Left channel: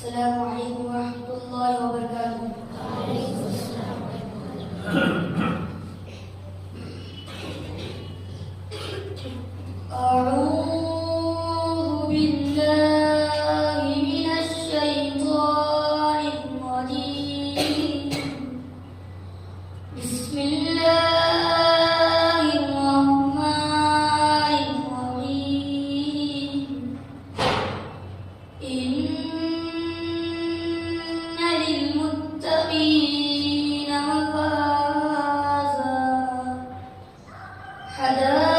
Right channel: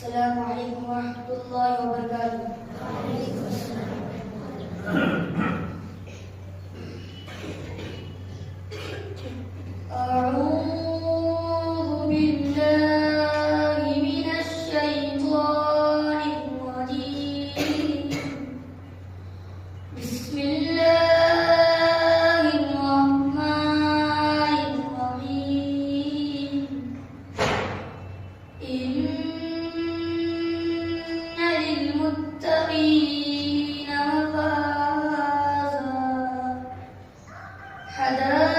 السلام عليكم ورحمة الله وبركاته. وعليكم السلام ورحمة الله. أعوذ بالله من الشيطان الرجيم. بسم الله الرحمن الرحيم. إن للمتقين مفازا حدائق